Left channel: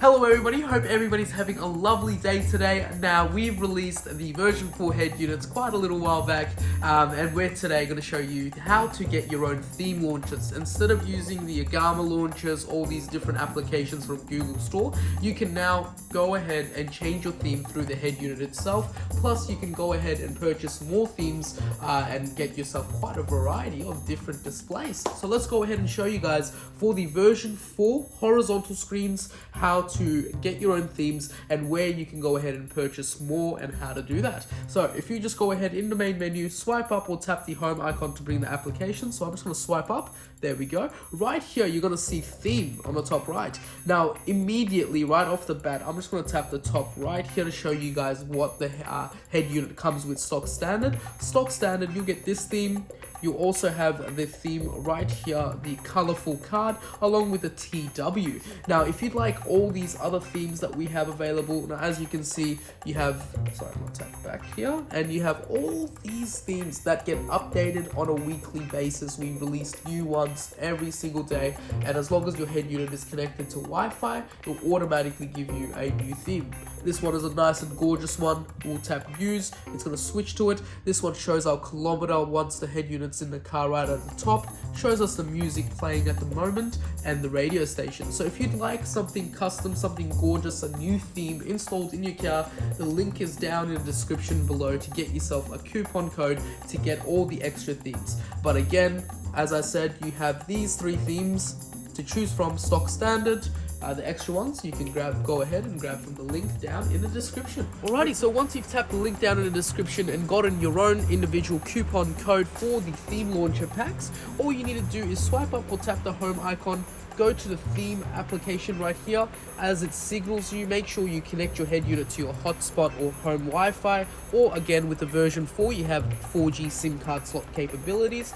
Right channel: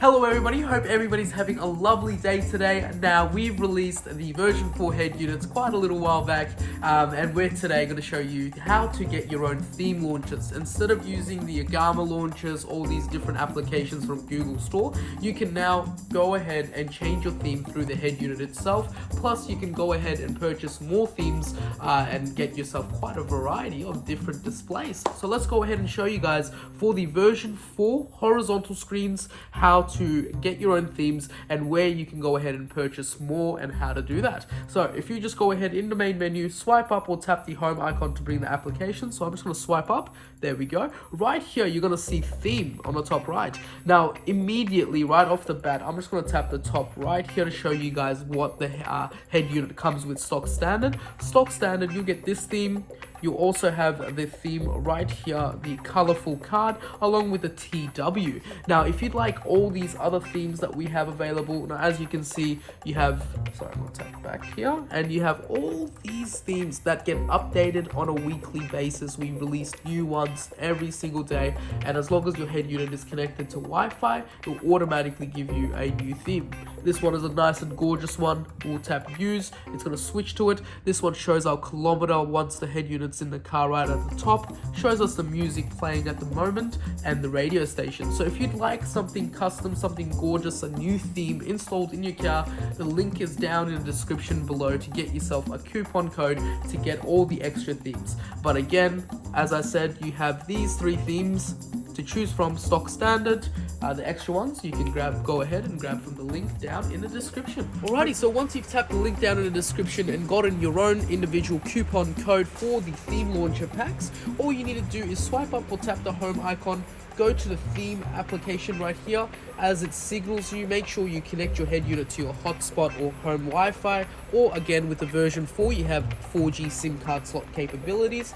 Hello everybody, hope everybody's having a lovely day today. Now we've released the version 4 head units quite a little while back, and we're today going to show you how to get your own theme launchers. Instead of using the Agama launchers, all these different applications from Google Store, you can now go ahead and change your theme through the head unit itself. Plus you can go ahead and purchase more themes and get yourself quite a variety of different displays. So let's go ahead and show you guys for the version 4 horizontal screens how to get your own themes and where you can go ahead and purchase more and how to do that. So if you just go ahead in the main menu, swipe up or tap the home icon to bring the application. So I'm just going to swipe up. There we go. Right here, you're going to see theme on the top right. Now, immediately, right off the bat, I'm just going to tap the top right here to show you guys what the head unit comes with stock standard. Stock standard, you get this theme. You also have the theme right here, the colorful card, along with the TW. Now, if you'd like all these other themes that we have available, now as you can see, you have, sorry, I'm gonna tap back here, and you have all these themes that get updated on a weekly basis. We release new ones every single day, and as long as your head unit is connected to Wi-Fi, it will automatically give you a new theme. This one is a nice and gorgeous one. We'll tap use, it's gonna switch to it. This one shows our kilometer once the head unit in the car right at the top, shows us the music playing at the moment and the radio station. So if you'd like something custom, something gorgeous, a new theme installed in your car, the link is down in the description below to get yourself a coupon code to get all the extra themes. But again, as I said, you have these 3 themes to choose from: stock standard, the extra ones you can go ahead and grab from the link down in the description. Alrighty, so once you've tapped the link down in the description and gotten your own individual coupon code for the theme launcher packs, all you need to do is swipe up or tap the home icon, go to the theme application right here. As it signals you, make sure you connect your head unit to your hotspot or home Wi-Fi, or again with the version 4 you have 4G SIM card slot capabilities.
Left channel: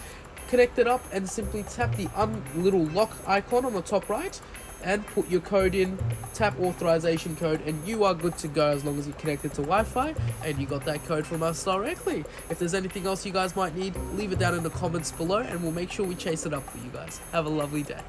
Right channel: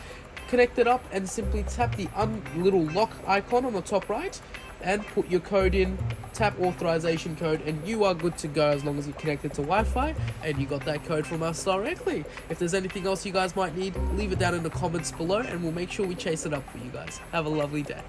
Connect it up and simply tap the little lock icon on the top right and put your code in, tap authorization code, and you are good to go as long as you're connected to Wi-Fi and you got that code from us directly. If there's anything else you guys might need, leave it down in the comments below and we'll make sure we chase it up for you guys. Have a lovely day.